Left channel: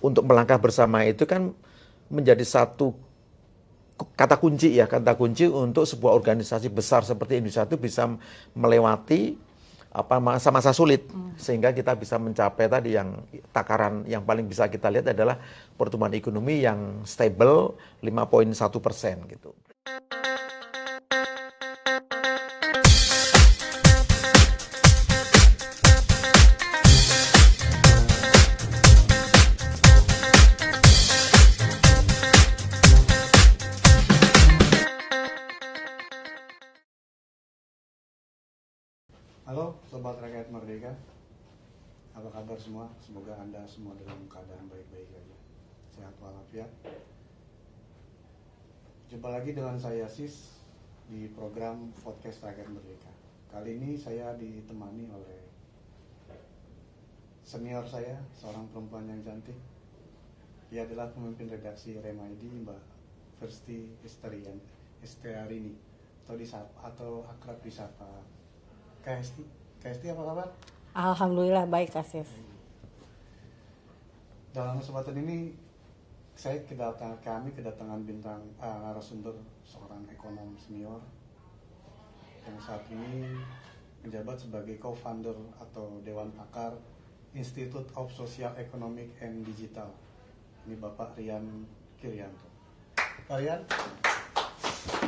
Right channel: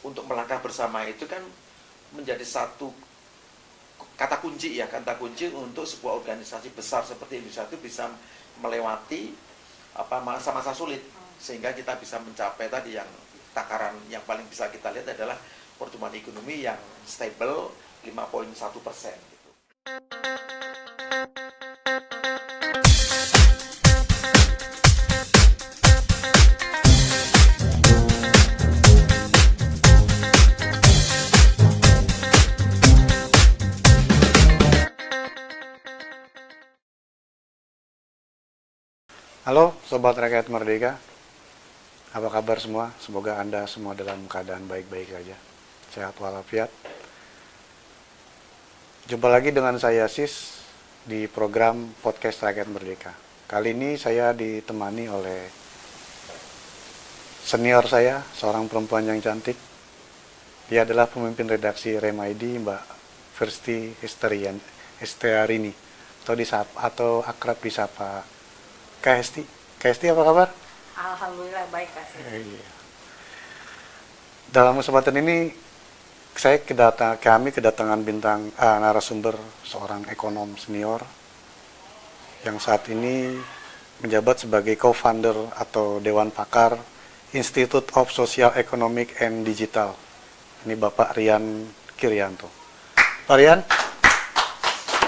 untuk melangkah bersama itu kan menjadi satu kata kunci ya, kata kunci untuk sebuah organisasi besar seperti Indonesia itu bisa melewati masa-masa sulit sehingga kita bisa mencapai tadi yang takaran yang paling bisa kita lihat adalah pertumbuhan ekonomi yang stable 5,1% gitu. Halo Sobat Rakyat Merdeka, apa kabar semua? Semoga Anda semua dalam keadaan baik-baik saja, sehat walafiat. Jumpa lagi dengan saya Sis di program Podcast Rakyat Merdeka. Kali ini saya ditemani oleh senior saya, seorang perempuan yang cantik. Dia adalah pemimpin redaksi Remaidi, Mbak Firsti Estearini, atau akrab disapa Kak Hesti. Kak Hesti, apa kabar? Alhamdulillah baik, Kak Sis. Iya. Dalam kesempatan ini kami kedatangan bintang narasumber, seorang ekonom senior yang saat ini menjabat sebagai co-founder atau dewan pakar Institute of Social Economic and Digital. Ini Bapak Rian Kirianto. Pak Rian,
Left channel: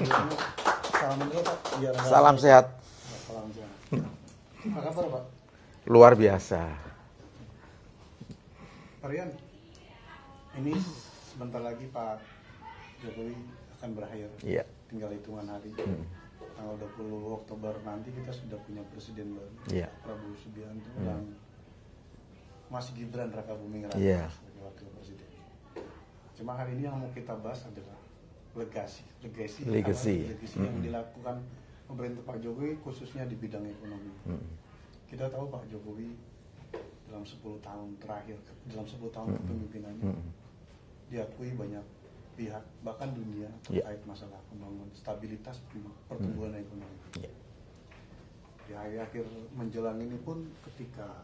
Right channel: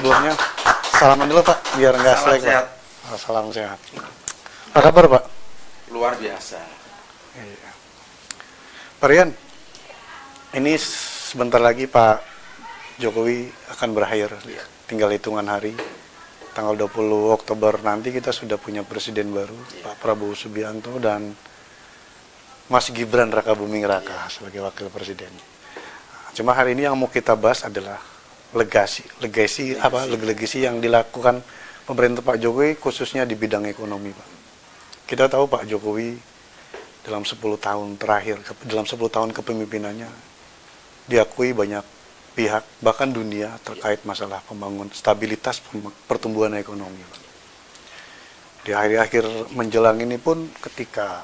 sebelumnya salaman dulu Pak, biar nggak Salam sehat. Salam sehat. Apa kabar Pak? Luar biasa. Iya. Pak Rian, ini sebentar lagi Pak Jokowi akan berakhir. Iya. Tinggal hitungan hari. Tanggal 20 Oktober nanti kita sudah punya presiden baru, Iya. Pak Prabowo Subianto dan Mas Gibran Rakabuming Raka Iya. sebagai wakil presiden. Cuma hari ini yang mau kita bahas adalah legasi yang dilakukan pemerintah Pak Jokowi khususnya di bidang ekonomi, Pak. Kita tahu Pak Jokowi dalam 10 tahun terakhir, dalam 10 tahun kepemimpinannya, diakui banyak pihak, bahkan dunia, terkait masalah stabilitas pertumbuhan ekonomi, Pak. Di akhir-akhir menjelang ini pun ketika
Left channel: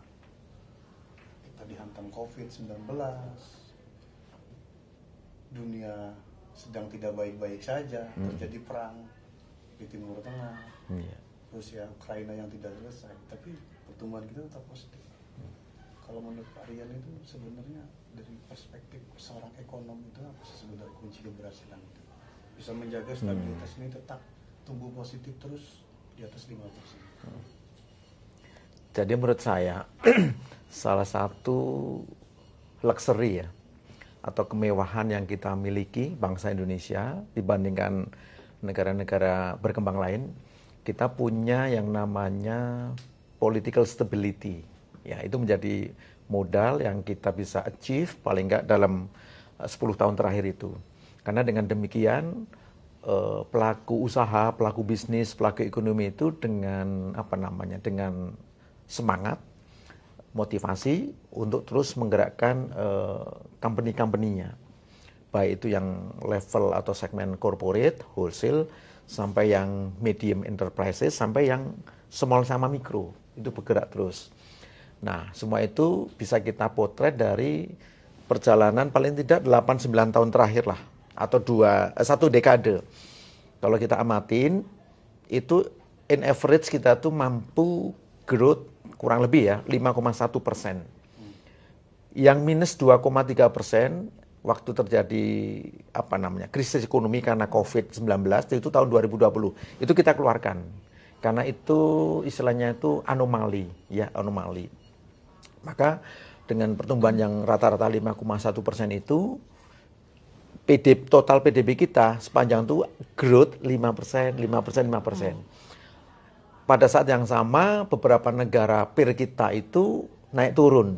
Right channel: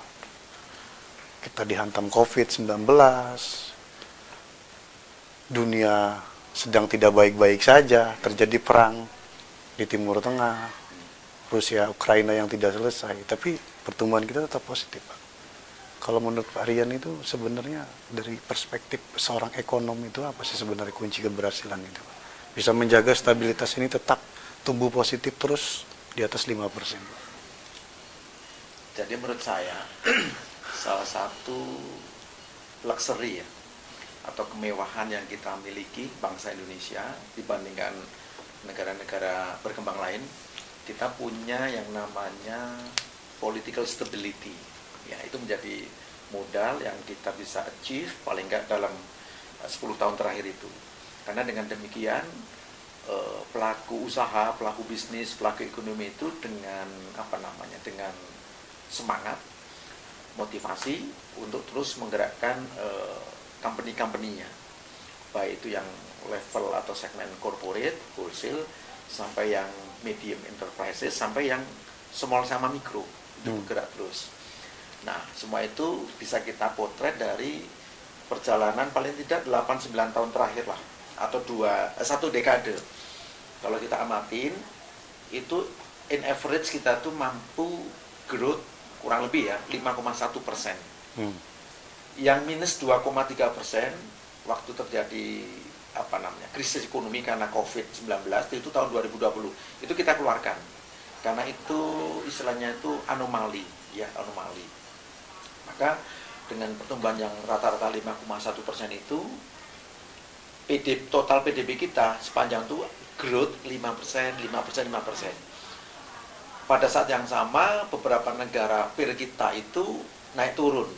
kita dihantam COVID-19, dunia sedang tidak baik-baik saja, terjadi perang di Timur Tengah, Rusia, Ukraina yang tidak selesai, tapi pertumbuhan kita tetap positif, Pak. Kalau menurut Pak Rian itu sebenarnya dari perspektif seorang ekonom itu apa sih sebenarnya kunci keberhasilan itu, Pak? Bisa menjaga stabilitas ini tetap tumbuh positif terus di atas 5%. Jadi menurut saya salah satu luxury ya atau kemewahan yang kita miliki bangsa Indonesia dibandingkan negara-negara berkembang lain, kita punya yang namanya political stability. Ya, itu menjadi modal yang kita bisa achieve paling enggak dalam 10 tahun terakhir itu. Karena dengan demikian pelaku usaha, pelaku bisnis, pelaku ekonomi itu dengan dengan semangat, motivasi untuk terus menggerakkan company-company-nya. Baik itu yang level atau segmen corporate, wholesale, sampai yang medium enterprises, sampai yang small sama mikro, itu bergerak terus. Nah, semua itu bisa kita potret dari perjalanan paling tidak 8-9 tahun terakhir lah, atau satu dekade. Kalau kita amatin, itu in average kita tuh mampu growth kurang lebih ya 5,1%. Yang minus 2,3% waktu terjadi krisis ekonomi karena COVID-19 itu tahun 2020 itu kita keluarkan karena itu istilahnya itu anomali. Maka dengan pertumbuhan yang rata-rata 5,1% itu total PDB kita sepanjang itu growth 5%. Pada saat yang sama beberapa negara peer kita itu naik turun.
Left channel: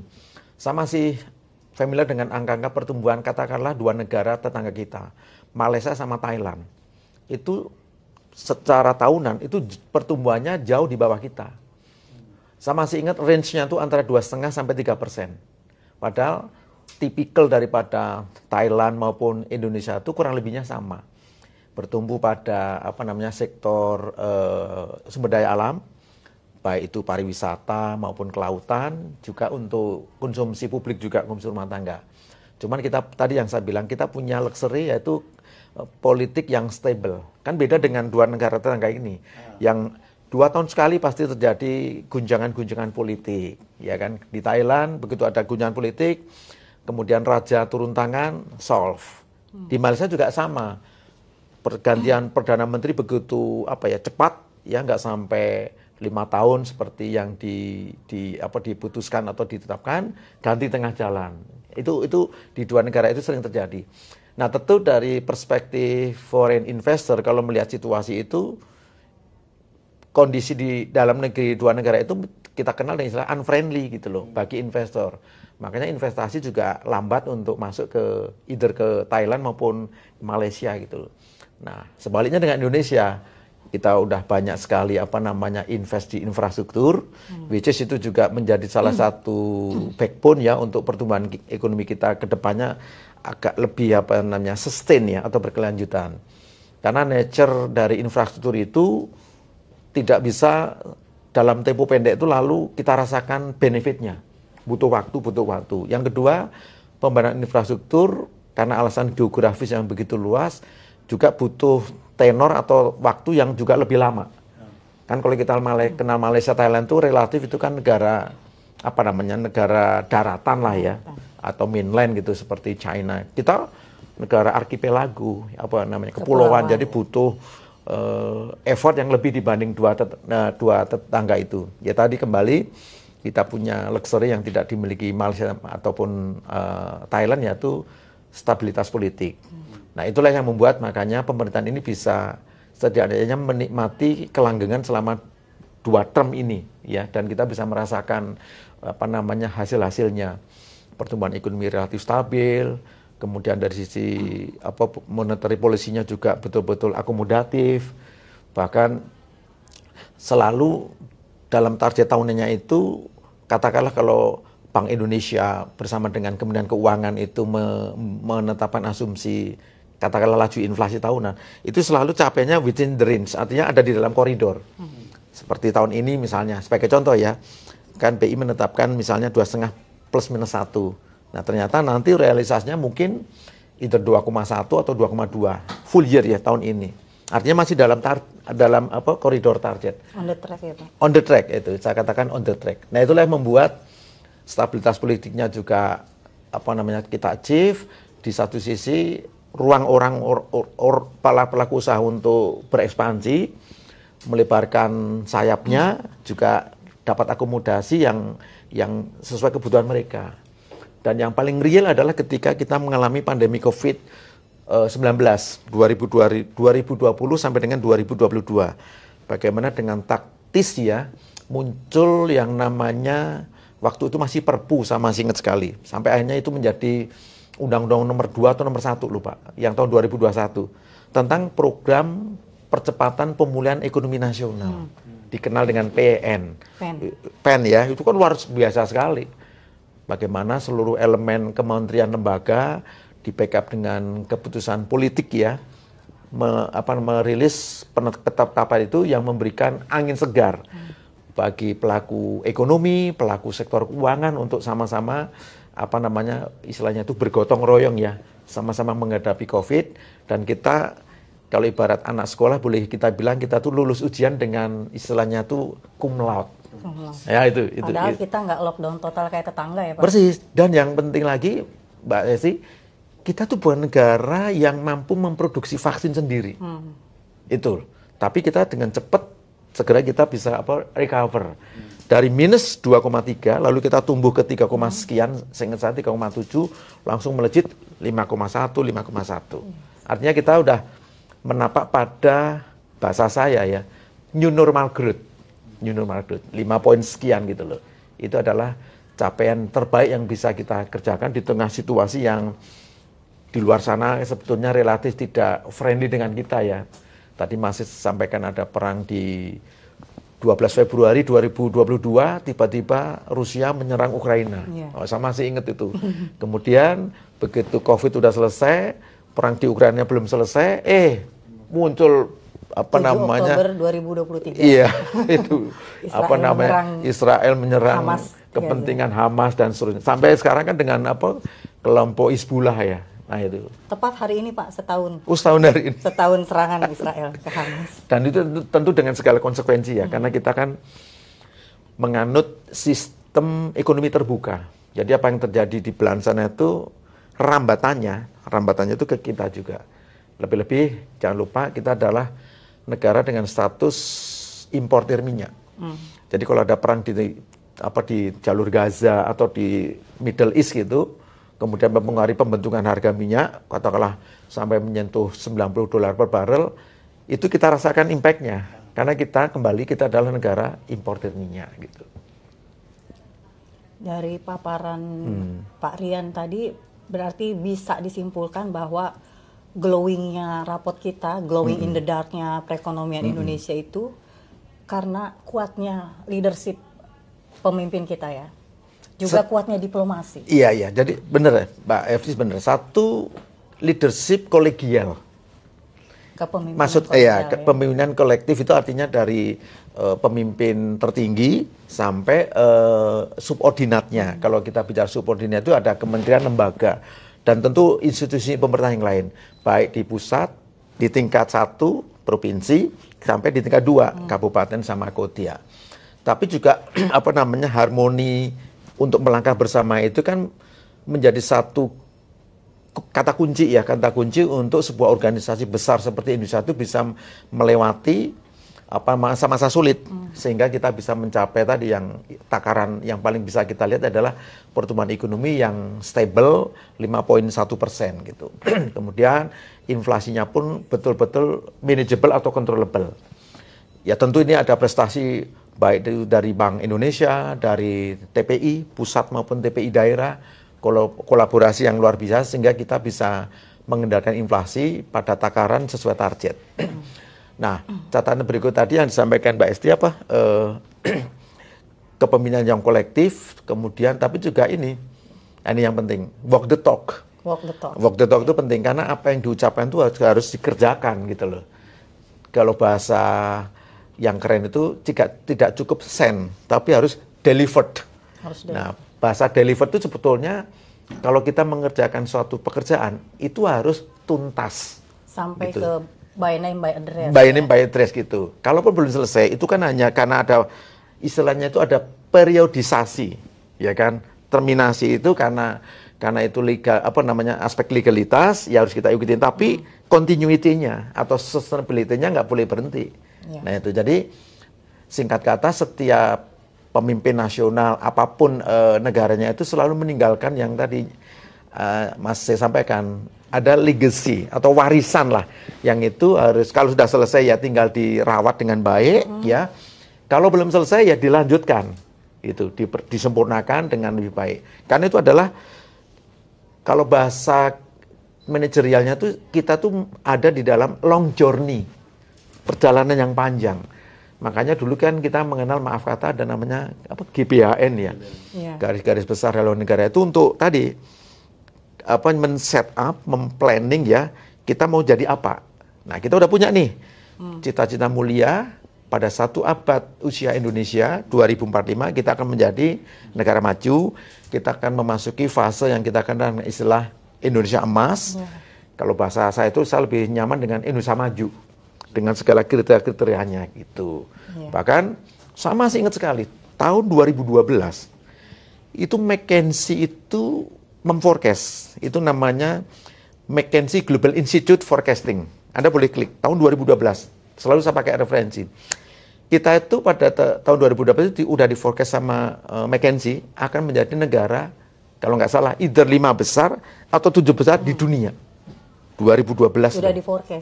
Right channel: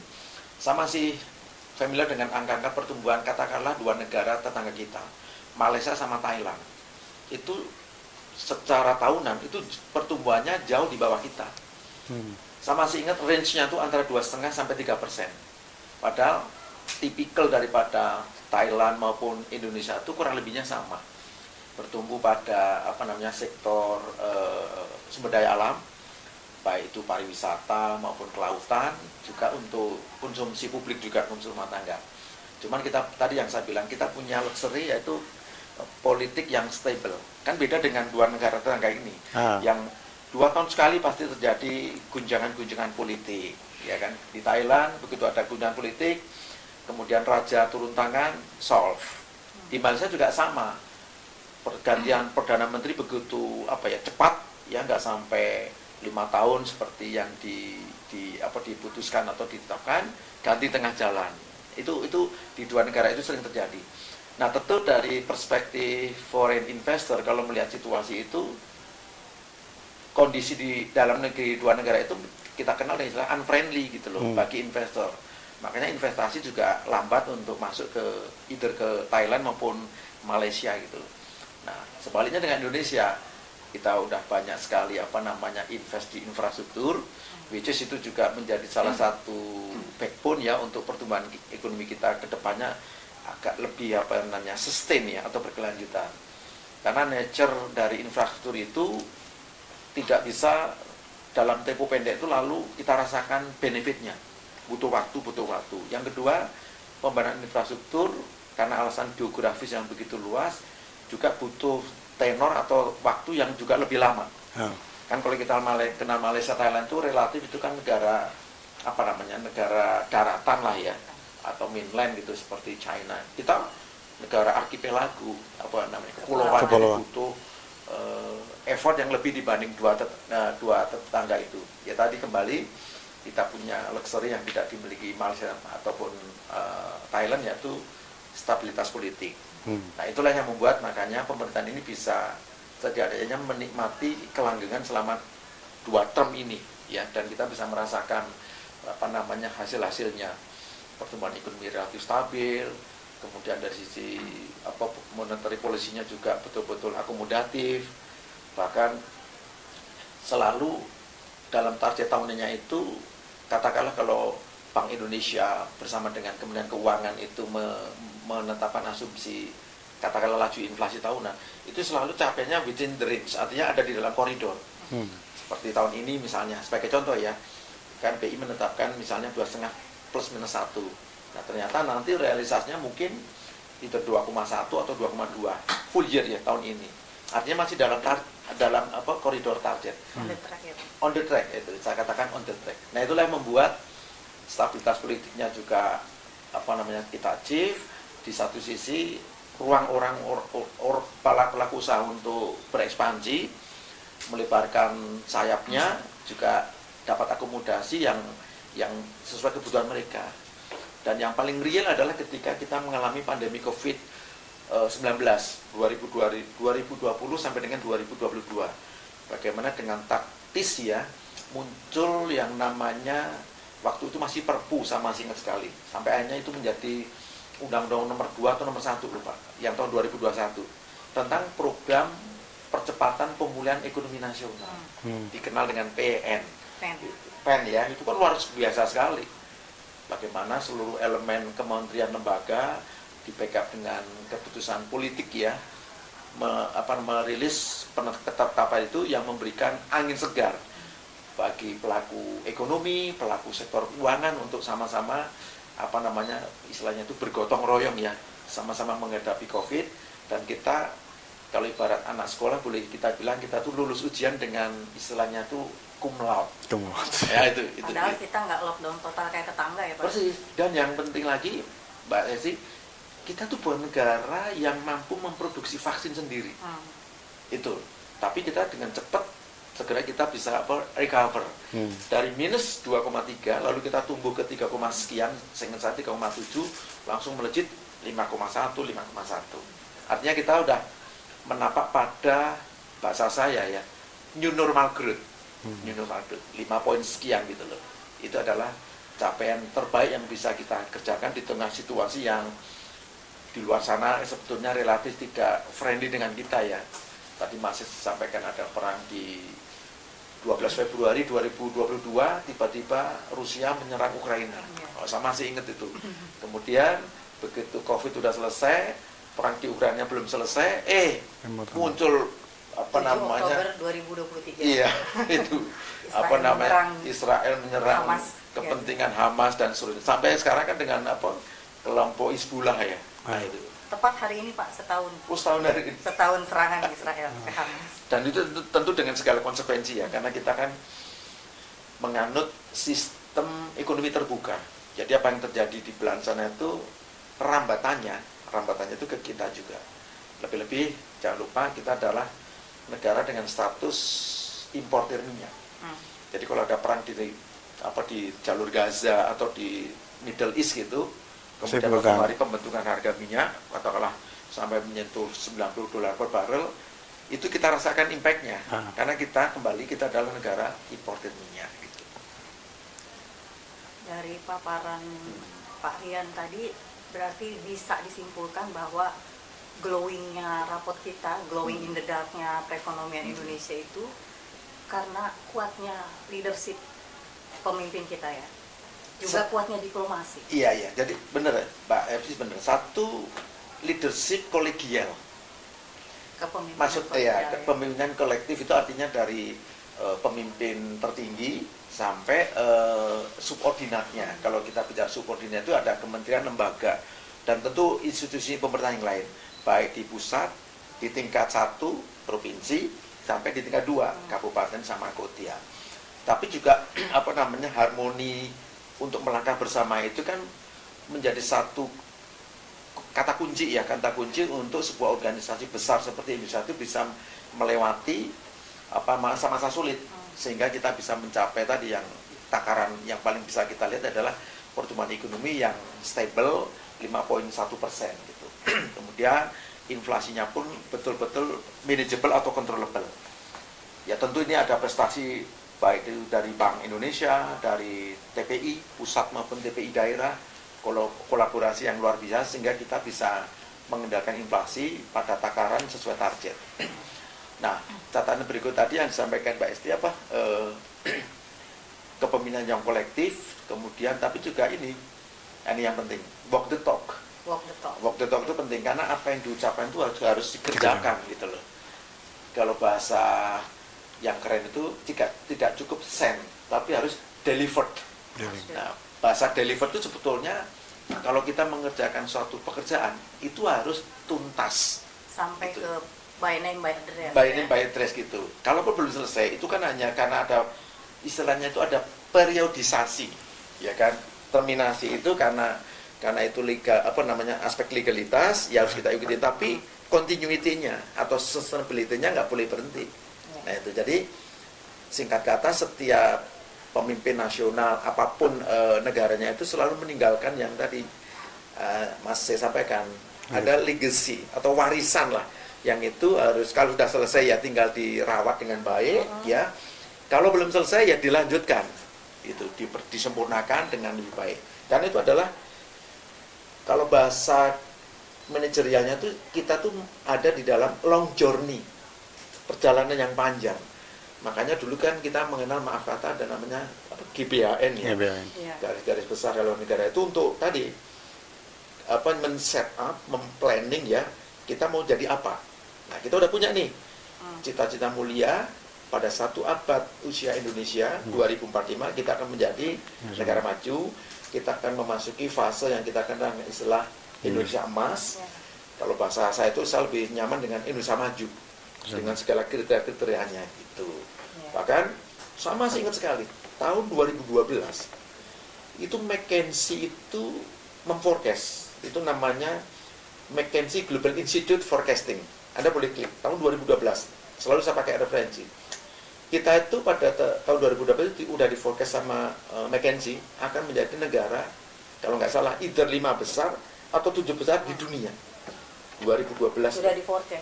Sama sih familiar dengan angka-angka pertumbuhan katakanlah dua negara tetangga kita, Malaysia sama Thailand. Itu secara tahunan itu pertumbuhannya jauh di bawah kita. Saya masih ingat range-nya itu antara 2,5 sampai 3%. Padahal tipikal daripada Thailand maupun Indonesia itu kurang lebihnya sama. Bertumbuh pada sektor sumber daya alam, baik itu pariwisata maupun kelautan, juga untuk konsumsi publik juga konsumsi rumah tangga. Cuman kita tadi yang saya bilang kita punya luxury yaitu politik yang stable. Kan beda dengan dua negara tetangga ini yang 2 tahun sekali pasti terjadi gunjangan-gunjangan politik, ya kan? Di Thailand begitu ada gunjangan politik, kemudian raja turun tangan, solve. Di Malaysia juga sama. Pergantian perdana menteri begitu cepat, ya nggak sampai 5 tahun seperti yang diputuskan atau ditetapkan, ganti tengah jalan. Itu di dua negara itu sering terjadi. Nah, tentu dari perspektif foreign investor kalau melihat situasi itu, kondisi di dalam negeri dua negara itu kita kenal dengan istilah unfriendly gitu loh bagi investor. Makanya investasi juga lambat untuk masuk ke either ke Thailand maupun Malaysia gitu. Nah, sebaliknya dengan Indonesia, kita udah banyak sekali invest di infrastruktur, which is itu juga menjadi salah satu backbone ya untuk pertumbuhan ekonomi kita ke depannya agak lebih sustain ya atau berkelanjutan. Karena nature dari infrastruktur itu tidak bisa dalam tempo pendek itu lalu kita rasakan benefitnya. Butuh waktu. Yang kedua, pembangunan infrastruktur karena alasan geografis yang begitu luas juga butuh tenor atau waktu yang juga lebih lama. Kan kalau kita kenal Malaysia, Thailand itu relatif itu kan negara negara daratan lah ya, atau mainland gitu seperti China. Kita negara arkipelago, kepulauan, jadi butuh effort yang lebih dibanding dua tetangga itu. Ya tadi kembali kita punya luxury yang tidak dimiliki Malaysia ataupun Thailand, yaitu stabilitas politik. Nah, itulah yang membuat makanya pemerintahan ini bisa setidaknya menikmati kelanggengan selama 2 term ini ya, dan kita bisa merasakan hasil-hasilnya. Pertumbuhan ekonomi relatif stabil, kemudian dari sisi monetary policy-nya juga betul-betul akomodatif, bahkan selalu dalam target tahunannya itu, katakanlah kalau Bank Indonesia bersama dengan Kementerian Keuangan itu menetapkan asumsi katakanlah laju inflasi tahunan, itu selalu capainya within the range, artinya ada di dalam koridor. Seperti tahun ini misalnya, sebagai contoh ya, kan BI menetapkan misalnya 2,5 plus minus 1. Nah, ternyata nanti realisasinya mungkin either 2,1 atau 2,2 full year ya tahun ini. Artinya masih dalam koridor target. On the track ya, Pak. On the track itu, saya katakan on the track. Nah, itulah yang membuat stabilitas politiknya juga kita achieve. Di satu sisi ruang pelaku usaha untuk berekspansi, melebarkan sayapnya, juga dapat akomodasi yang sesuai kebutuhan mereka. Dan yang paling real adalah ketika kita mengalami pandemi COVID-19 2020 sampai dengan 2022. Bagaimana dengan taktis ya muncul yang namanya, waktu itu masih Perpu, saya masih ingat sekali. Sampai akhirnya itu menjadi Undang-Undang nomor 2 atau nomor 1 lupa, yang tahun 2021 tentang program percepatan pemulihan ekonomi nasional. Dikenal dengan PEN ya, itu kan luar biasa sekali. Bagaimana seluruh elemen kementerian lembaga di backup dengan keputusan politik ya, merilis penetapan itu yang memberikan angin segar bagi pelaku ekonomi, pelaku sektor keuangan untuk sama-sama istilahnya itu bergotong royong ya, sama-sama menghadapi COVID. Dan kita kalau ibarat anak sekolah boleh kita bilang kita tuh lulus ujian dengan istilahnya tuh cum laude. Ya itu. Padahal kita nggak lockdown total kayak tetangga ya, Pak. Persis. Dan yang penting lagi, Mbak Desi, kita tuh bukan negara yang mampu memproduksi vaksin sendiri. Itu. Tapi kita dengan cepat segera kita bisa recover dari minus 2,3 lalu kita tumbuh ke 3, sekian, seingat saya 3,7, langsung melejit 5,1. Artinya kita udah menapak pada bahasa saya ya, new normal growth, 5 poin sekian gitu loh. Itu adalah capaian terbaik yang bisa kita kerjakan di tengah situasi yang di luar sana sebetulnya relatif tidak friendly dengan kita ya. Tadi masih sampaikan ada perang di 12 Februari 2022, tiba-tiba Rusia menyerang Ukraina. Saya masih ingat itu. Kemudian begitu COVID sudah selesai, perang di Ukraina belum selesai, muncul 7 Oktober 2023. Iya, itu Israel Israel menyerang Hamas, kepentingan Hamas dan seterusnya. Sampai sekarang kan dengan kelompok Hizbullah ya. Nah itu. Tepat hari ini Pak, setahun. Oh, setahun dari ini. Setahun serangan Israel ke Hamas. Dan itu tentu dengan segala konsekuensi ya, karena kita kan menganut sistem ekonomi terbuka. Jadi apa yang terjadi di belahan sana itu rambatannya itu ke kita juga. Lebih-lebih jangan lupa kita adalah negara dengan status importir minyak. Jadi kalau ada perang di jalur Gaza atau di Middle East gitu, kemudian mempengaruhi pembentukan harga minyak, katakanlah sampai menyentuh $90 per barrel, itu kita rasakan impact-nya. Karena kita adalah negara importir minyak gitu. Dari paparan Pak Rian tadi, berarti bisa disimpulkan bahwa glowing-nya rapot kita, glowing in the dark-nya perekonomian Indonesia itu karena kuatnya leadership pemimpin kita ya. Juga kuatnya diplomasi. Iya. Jadi benar ya, Mbak Efri benar. Satu, leadership kolegial. Kepemimpinan kolektif itu artinya dari pemimpin tertinggi sampai subordinatnya. Kalau kita bicara subordinat itu ada kementerian, lembaga, dan tentu institusi pemerintah yang lain, baik di pusat, di tingkat 1 provinsi sampai di tingkat 2 kabupaten sama kota. Tapi juga harmoni untuk melangkah bersama itu kan menjadi satu kata kunci untuk sebuah organisasi besar seperti Indonesia itu bisa melewati masa-masa sulit, sehingga kita bisa mencapai tadi yang takaran yang paling bisa kita lihat adalah pertumbuhan ekonomi yang stable 5,1% gitu. Kemudian inflasinya pun betul-betul manageable atau controllable. Ya tentu ini ada prestasi baik dari Bank Indonesia, dari TPI pusat maupun TPI daerah, kolaborasi yang luar biasa sehingga kita bisa mengendalikan inflasi pada takaran sesuai target. Nah, catatan berikut tadi yang disampaikan Mbak Esti kepemimpinan yang kolektif, kemudian tapi juga ini yang penting, walk the talk. Walk the talk itu penting karena apa yang diucapkan itu harus dikerjakan gitu loh. Kalau bahasa yang keren itu tidak cukup send, tapi harus delivered. Nah, bahasa delivered itu sebetulnya kalau kita mengerjakan suatu pekerjaan itu harus tuntas. Sampai gitu. Ke by name by address. By name by address gitu. Kalaupun belum selesai, itu kan hanya karena ada istilahnya itu ada periodisasi, ya kan? Terminasi itu karena itu legal aspek legalitas ya harus kita ikuti, tapi continuity-nya atau sustainability-nya nggak boleh berhenti. Ya. Nah itu jadi singkat kata setiap pemimpin nasional apapun negaranya itu selalu meninggalkan yang tadi Mas saya sampaikan, ada legacy atau warisan lah yang itu harus kalau sudah selesai ya tinggal dirawat dengan baik ya, kalau belum selesai ya dilanjutkan itu disempurnakan dengan lebih baik, karena itu adalah kalau bahasa manajerialnya tuh kita tuh ada di dalam long journey, perjalanan yang panjang. Makanya dulu kan kita mengenal maaf kata ada namanya GBHN ya. Garis-garis besar haluan negara itu untuk tadi men-set up, memplanning ya, kita mau jadi apa. Nah, kita udah punya nih cita-cita mulia pada 1 abad usia Indonesia 2045 kita akan menjadi negara maju. Kita akan memasuki fase yang kita kenal dengan istilah Indonesia emas. Kalau bahasa saya itu saya lebih nyaman dengan Indonesia maju dengan segala kriteria-kriterianya gitu. Bahkan saya masih ingat sekali tahun 2012 itu McKinsey itu memforecast, itu namanya McKinsey Global Institute Forecasting. Anda boleh klik tahun 2012. Selalu saya pakai referensi. Kita itu pada tahun 2012 itu udah di forecast sama McKinsey akan menjadi negara kalau nggak salah either 5 besar atau 7 besar di dunia. 2012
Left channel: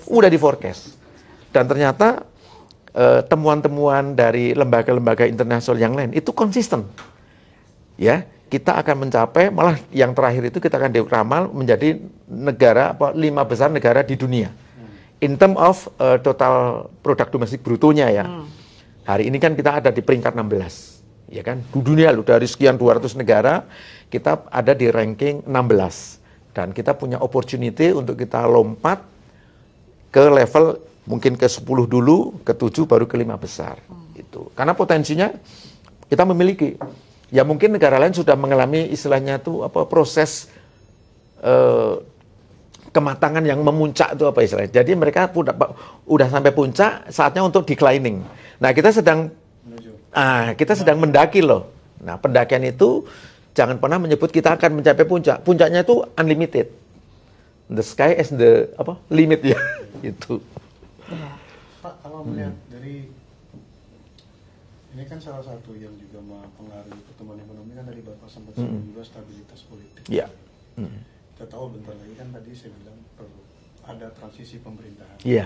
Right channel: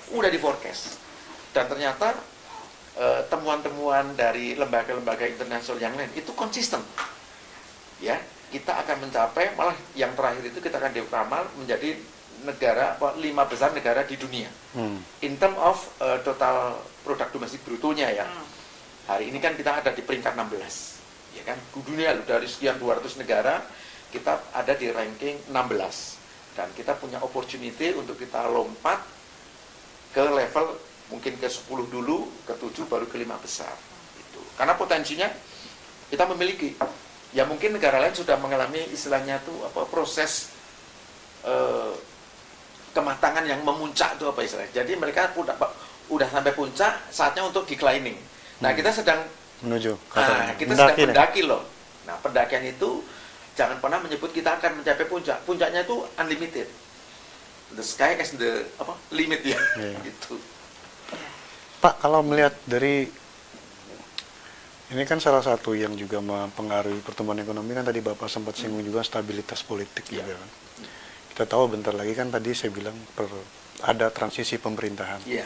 udah di forecast. Dan ternyata temuan-temuan dari lembaga-lembaga internasional yang lain itu konsisten. Ya, kita akan mencapai malah yang terakhir itu kita akan diramal menjadi negara 5 besar negara di dunia. In term of total produk domestik brutonya ya. Hari ini kan kita ada di peringkat 16, ya kan? Di dunia loh, dari sekian 200 negara, kita ada di ranking 16. Dan kita punya opportunity untuk kita lompat ke level mungkin ke 10 dulu, ke 7, baru ke 5 besar. Gitu. Karena potensinya kita memiliki. Ya mungkin negara lain sudah mengalami istilahnya itu proses eh, kematangan yang memuncak itu apa istilahnya. Jadi mereka udah sampai puncak, saatnya untuk declining. Nah, kita sedang mendaki loh. Nah, pendakian itu jangan pernah menyebut kita akan mencapai puncak. Puncaknya itu unlimited. The sky is the limit ya. Gitu. Pak, kalau melihat dari ini kan salah satu yang juga mempengaruhi pertumbuhan ekonomi kan tadi Bapak sempat singgung juga stabilitas politik. Yeah. Gitu kan. Kita tahu bentar lagi kan tadi saya bilang ada transisi pemerintahan. Yeah.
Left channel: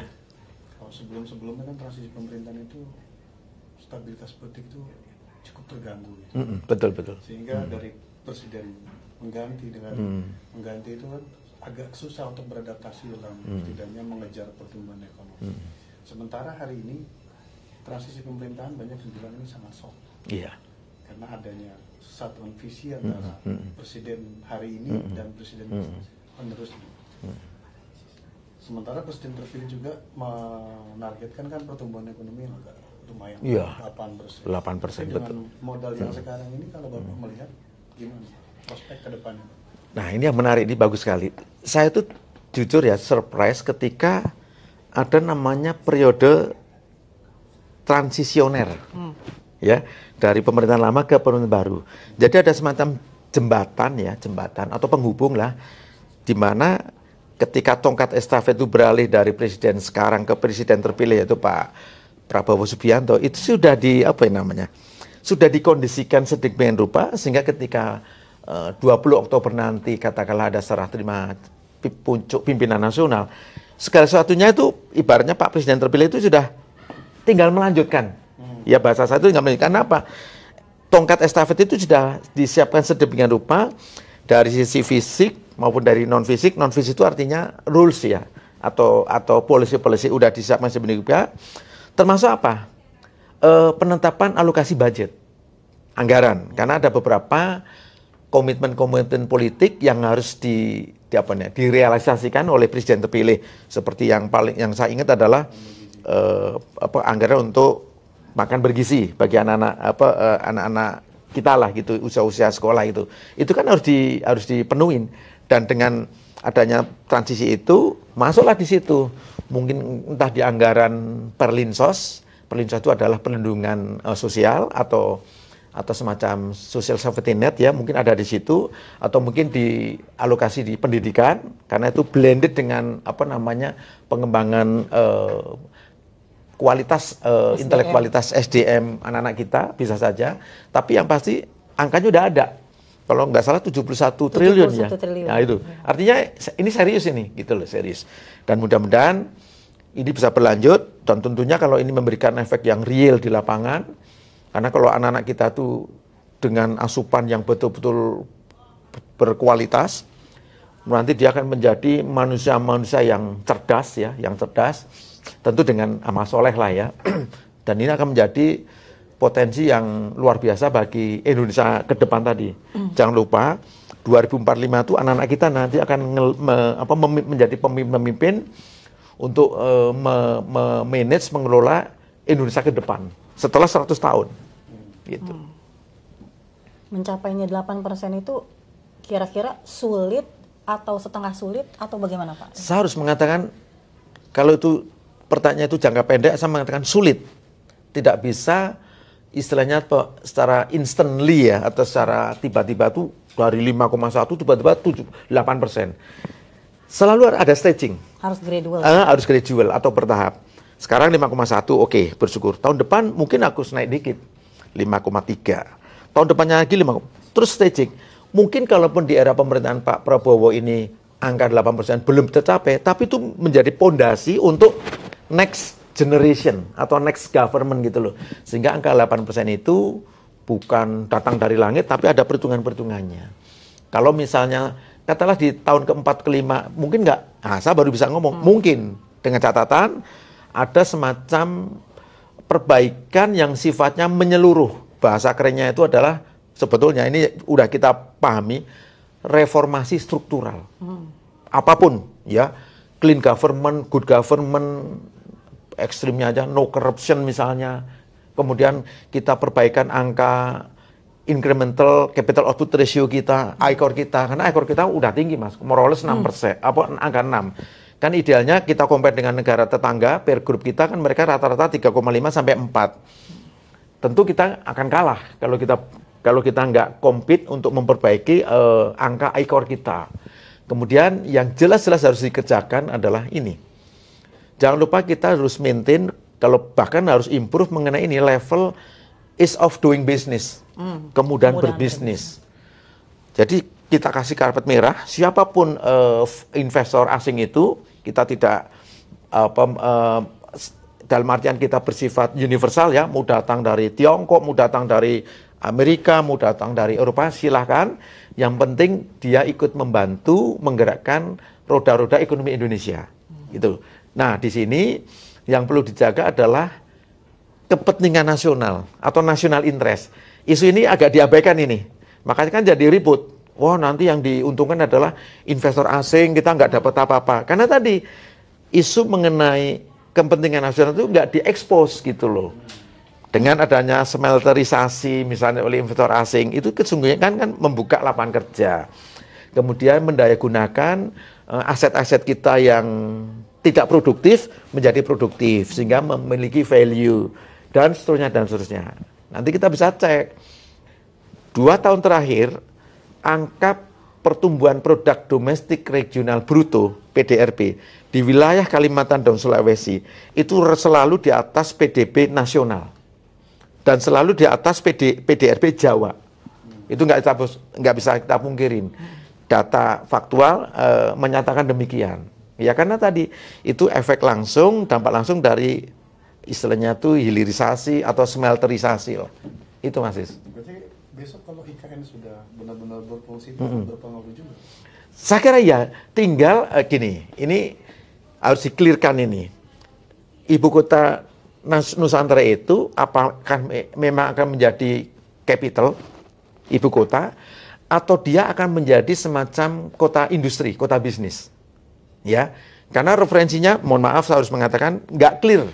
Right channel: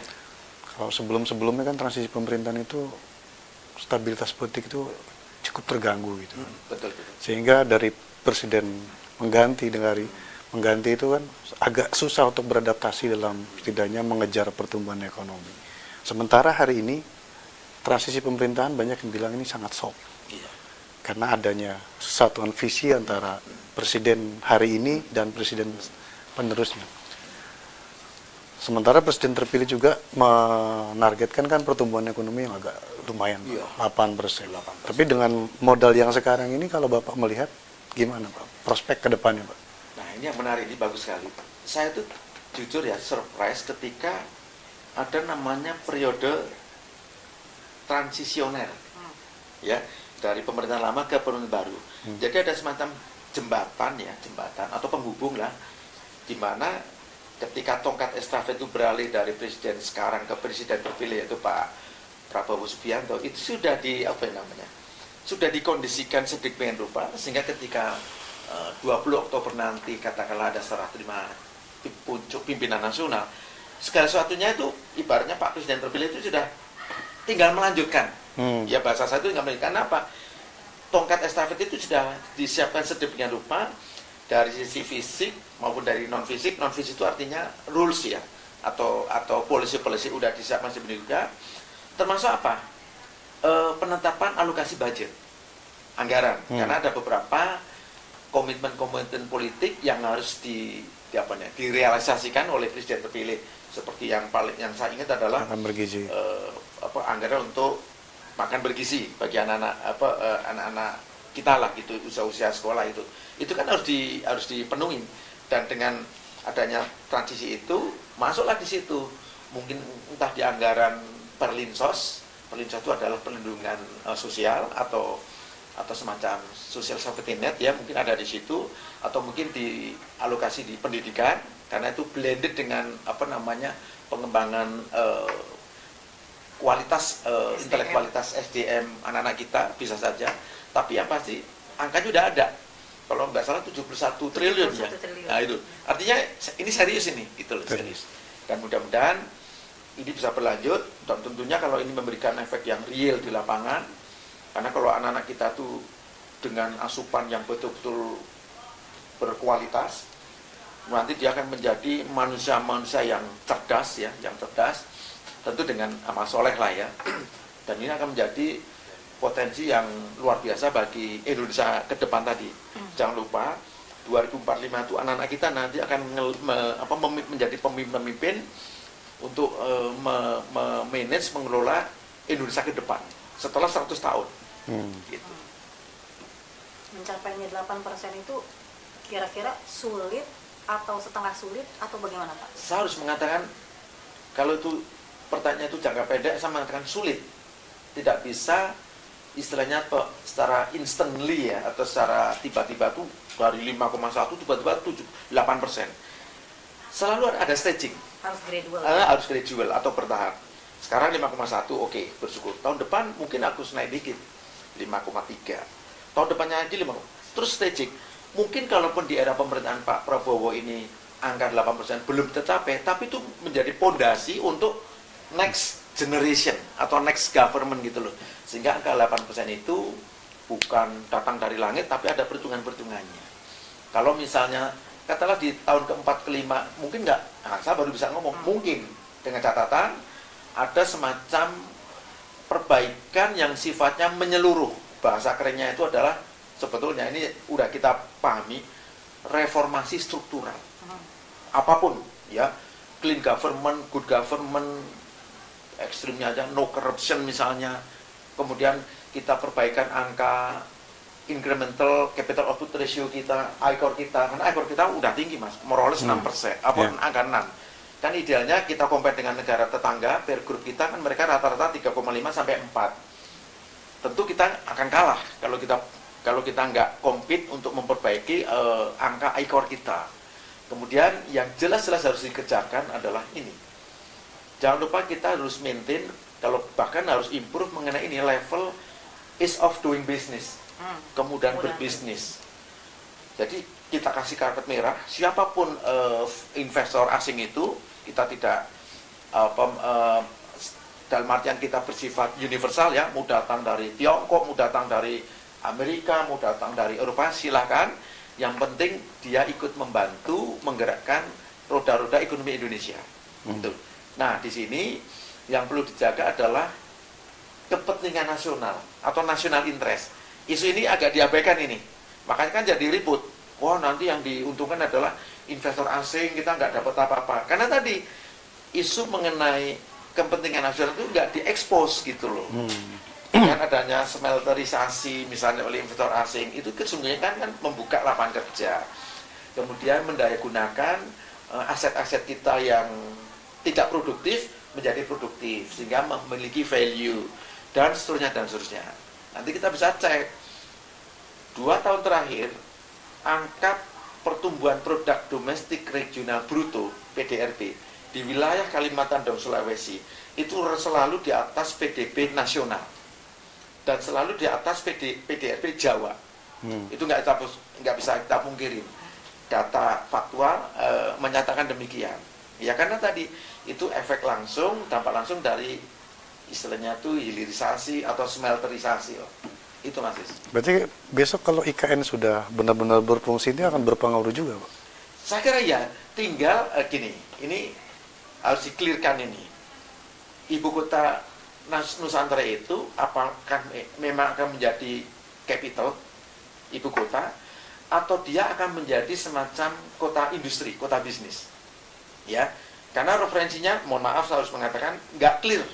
Kalau sebelum-sebelumnya kan transisi pemerintahan itu stabilitas politik itu cukup terganggu gitu. Betul. Sehingga dari presiden mengganti itu kan agak susah untuk beradaptasi dalam setidaknya mengejar pertumbuhan ekonomi. Sementara hari ini transisi pemerintahan banyak yang bilang ini sangat soft. Iya. Karena adanya satuan visi antara presiden hari ini dan presiden penerusnya. Sementara presiden terpilih juga menargetkan kan pertumbuhan ekonomi yang agak lumayan, 8%. Tapi dengan modal yang sekarang ini kalau Bapak melihat gimana Pak prospek ke depannya Pak? Nah, ini yang menarik, ini bagus sekali. Saya tuh jujur ya surprise ketika ada namanya periode transisioner, ya, dari pemerintahan lama ke pemerintahan baru. Jadi ada semacam jembatan atau penghubung lah, di mana ketika tongkat estafet itu beralih dari presiden sekarang ke presiden terpilih yaitu Pak Prabowo Subianto, itu sudah sudah dikondisikan sedemikian rupa sehingga ketika 20 Oktober nanti katakanlah ada serah terima puncak pimpinan nasional, segala sesuatunya itu ibaratnya Pak Presiden terpilih itu sudah tinggal melanjutkan. Ya bahasa saya itu tinggal melanjutkan apa? Tongkat estafet itu sudah disiapkan sedemikian rupa dari sisi fisik maupun dari non fisik. Non fisik itu artinya rules ya, atau policy udah disiapkan sedemikian rupa. Termasuk apa? Penetapan alokasi budget, anggaran. Karena ada beberapa komitmen politik yang harus direalisasikan oleh presiden terpilih. Seperti yang saya ingat adalah anggaran untuk makan bergizi bagi anak-anak kita lah gitu, usia sekolah itu kan harus dipenuhi. Dan dengan adanya transisi itu masuklah di situ mungkin entah di anggaran Perlinsos itu adalah perlindungan sosial atau semacam social safety net ya, mungkin ada di situ, atau mungkin dialokasi di pendidikan karena itu blended dengan pengembangan kualitas intelektualitas SDM anak-anak kita bisa saja. Tapi yang pasti angkanya udah ada. Kalau nggak salah 71 triliun ya. Nah itu artinya ini serius ini gitu loh, serius. Dan mudah-mudahan ini bisa berlanjut dan tentunya kalau ini memberikan efek yang real di lapangan. Karena kalau anak-anak kita tuh dengan asupan yang betul-betul berkualitas, nanti dia akan menjadi manusia-manusia yang cerdas ya, tentu dengan amal soleh lah ya. Dan ini akan menjadi potensi yang luar biasa bagi Indonesia ke depan tadi. Jangan lupa 2045 itu anak-anak kita nanti akan menjadi pemimpin untuk manage, mengelola Indonesia ke depan setelah 100 tahun. Gitu. Mencapainya 8% itu kira-kira sulit atau setengah sulit atau bagaimana Pak? Saya harus mengatakan kalau itu pertanyaan itu jangka pendek, saya mengatakan sulit. Tidak bisa istilahnya secara instantly ya, atau secara tiba-tiba tuh dari 5,1 tiba-tiba 8%. Selalu ada staging. Harus gradual. Harus gradual atau bertahap. Sekarang 5,1 oke, bersyukur. Tahun depan mungkin aku naik dikit 5,3. Tahun depannya lagi 5. Terus staging. Mungkin kalaupun di era pemerintahan Pak Prabowo ini angka 8% belum tercapai, tapi itu menjadi pondasi untuk next generation atau next government gitu loh. Sehingga angka 8% itu bukan datang dari langit, tapi ada perhitungan-perhitungannya. Kalau misalnya, katakanlah di tahun keempat, kelima, mungkin nggak, nah saya baru bisa ngomong, mungkin dengan catatan ada semacam perbaikan yang sifatnya menyeluruh. Bahasa kerennya itu adalah, sebetulnya ini udah kita pahami, reformasi struktural. Apapun, ya, clean government, good government, ekstrimnya aja, no corruption misalnya. Kemudian kita perbaikan angka incremental capital output ratio kita, ICOR kita, karena ICOR kita udah tinggi mas, more or less 6%, angka 6. Kan idealnya kita compare dengan negara tetangga, peer group kita kan mereka rata-rata 3,5 sampai 4. Tentu kita akan kalah kalau kita nggak compete untuk memperbaiki angka ICOR kita. Kemudian yang jelas-jelas harus dikejarkan adalah ini. Jangan lupa kita harus maintain, kalau bahkan harus improve mengenai ini level ease of doing business. Kemudahan berbisnis. Jadi kita kasih karpet merah, siapapun investor asing itu, kita tidak dalam artian kita bersifat universal ya, mau datang dari Tiongkok, mau datang dari Amerika, mau datang dari Eropa, silahkan. Yang penting dia ikut membantu menggerakkan roda-roda ekonomi Indonesia. Gitu. Nah di sini yang perlu dijaga adalah kepentingan nasional atau national interest. Isu ini agak diabaikan ini, makanya kan jadi ribut. Wah nanti yang diuntungkan adalah investor asing, kita nggak dapat apa-apa. Karena tadi isu mengenai kepentingan nasional itu nggak diekspos gitu loh. Dengan adanya smelterisasi misalnya oleh investor asing, itu sesungguhnya kan membuka lapangan kerja. Kemudian mendayagunakan aset-aset kita yang tidak produktif menjadi produktif, sehingga memiliki value, dan seterusnya, dan seterusnya. Nanti kita bisa cek 2 tahun terakhir angka pertumbuhan produk domestik regional bruto (PDRB) di wilayah Kalimantan dan Sulawesi itu selalu di atas PDB nasional dan selalu di atas PDRB Jawa. Itu nggak bisa kita pungkirin. Data faktual menyatakan demikian. Ya karena tadi itu efek langsung, dampak langsung dari istilahnya tuh hilirisasi atau smelterisasi loh. Itu Mas Is. Berarti besok kalau IKN sudah benar-benar berfungsi ini akan berpengaruh juga, Pak? Saya kira ya, tinggal gini, ini harus di-clearkan ini. Ibu kota Nusantara itu apakah memang akan menjadi capital ibu kota atau dia akan menjadi semacam kota industri, kota bisnis. Ya. Karena referensinya, mohon maaf saya harus mengatakan nggak clear.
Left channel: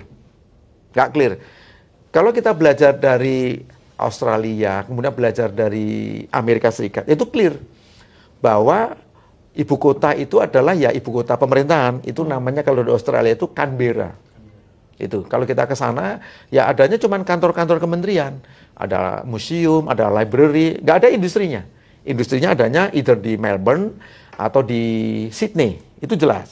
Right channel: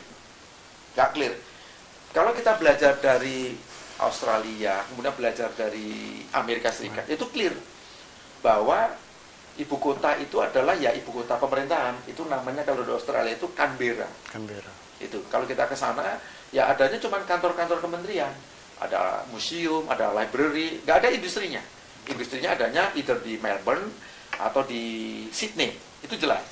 Kalau kita belajar dari Australia, kemudian belajar dari Amerika Serikat, itu clear bahwa ibu kota itu adalah ya ibu kota pemerintahan. Itu namanya kalau di Australia itu Canberra. Itu kalau kita ke sana ya adanya cuma kantor-kantor kementerian, ada museum, ada library, nggak ada industrinya. Industrinya adanya either di Melbourne atau di Sydney. Itu jelas.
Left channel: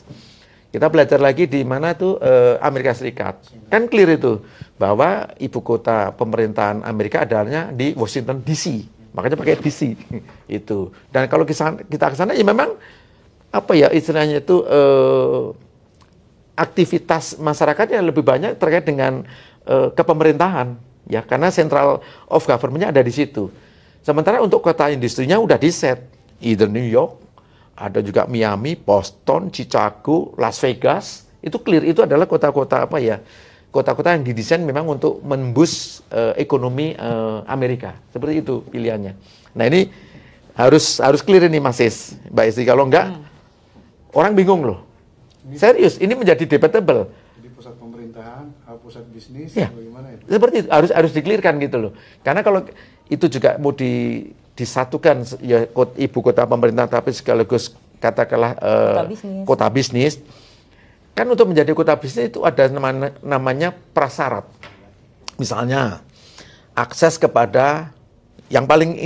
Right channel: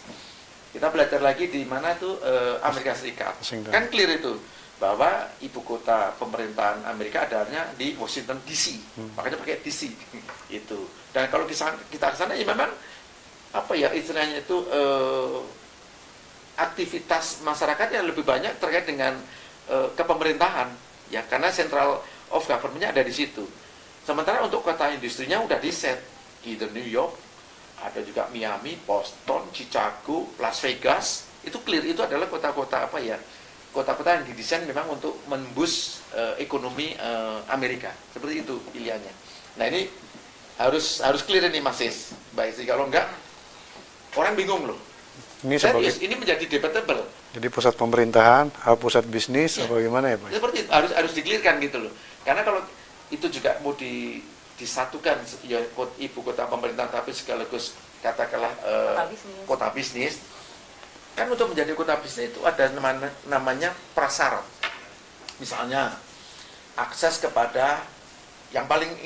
Kita belajar lagi di mana tuh Amerika Serikat. Kan clear itu bahwa ibu kota pemerintahan Amerika adanya di Washington DC. Makanya pakai DC itu. Dan kalau kita ke sana ya memang apa ya istilahnya itu aktivitas masyarakatnya lebih banyak terkait dengan kepemerintahan ya karena central of government-nya ada di situ. Sementara untuk kota industrinya udah di set, either New York, ada juga Miami, Boston, Chicago, Las Vegas, itu clear, itu adalah kota-kota apa ya, kota-kota yang didesain memang untuk memboost ekonomi Amerika, seperti itu pilihannya. Nah ini harus clear ini Mas Is, Mbak Istri, kalau enggak orang bingung loh. Ini serius, ini menjadi debatable. Jadi pusat pemerintahan, pusat bisnis, ya. Bagaimana ya Pak? Seperti itu, harus di-clearkan gitu loh. Karena kalau itu juga mau disatukan ya ibu kota pemerintahan tapi sekaligus katakanlah kota bisnis. Kan untuk menjadi kota bisnis itu ada namanya prasyarat. Misalnya akses kepada yang paling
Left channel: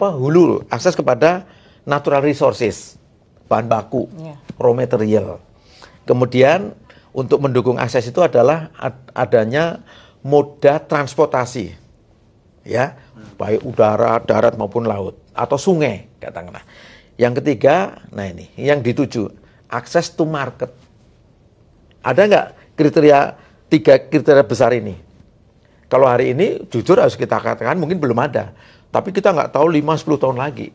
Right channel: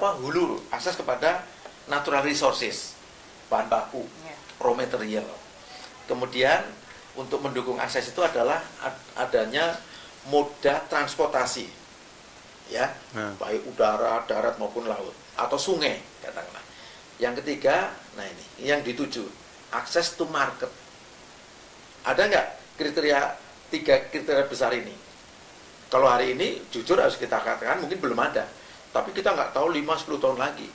hulu, akses kepada natural resources, bahan baku, raw material. Kemudian untuk mendukung akses itu adalah adanya moda transportasi. Ya, baik udara, darat maupun laut atau sungai katakanlah. Yang ketiga, nah ini yang dituju, akses to market. Ada nggak tiga kriteria besar ini? Kalau hari ini jujur harus kita katakan mungkin belum ada, tapi kita nggak tahu 5-10 tahun lagi.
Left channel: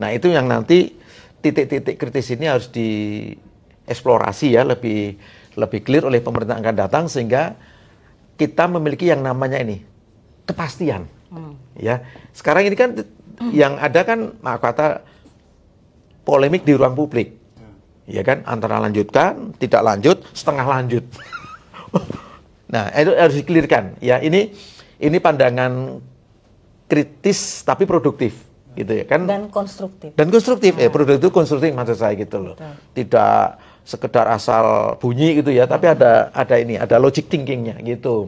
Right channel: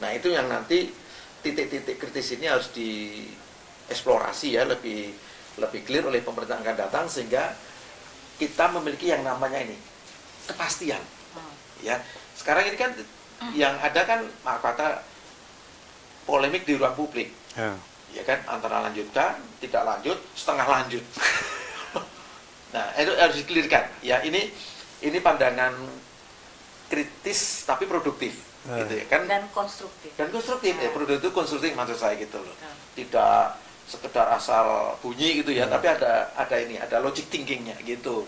Nah itu yang nanti titik-titik kritis ini harus dieksplorasi ya lebih clear oleh pemerintah akan datang sehingga kita memiliki yang namanya ini kepastian. Ya, sekarang ini kan yang ada kan kata polemik di ruang publik. Ya kan, antara lanjutkan, tidak lanjut, setengah lanjut. Nah, itu harus dikelirkan. Ya, ini pandangan kritis tapi produktif, gitu ya kan? Dan konstruktif. Dan konstruktif, produktif itu konstruktif maksud saya gitu loh. Tidak sekedar asal bunyi gitu ya, tapi ada logic thinkingnya gitu.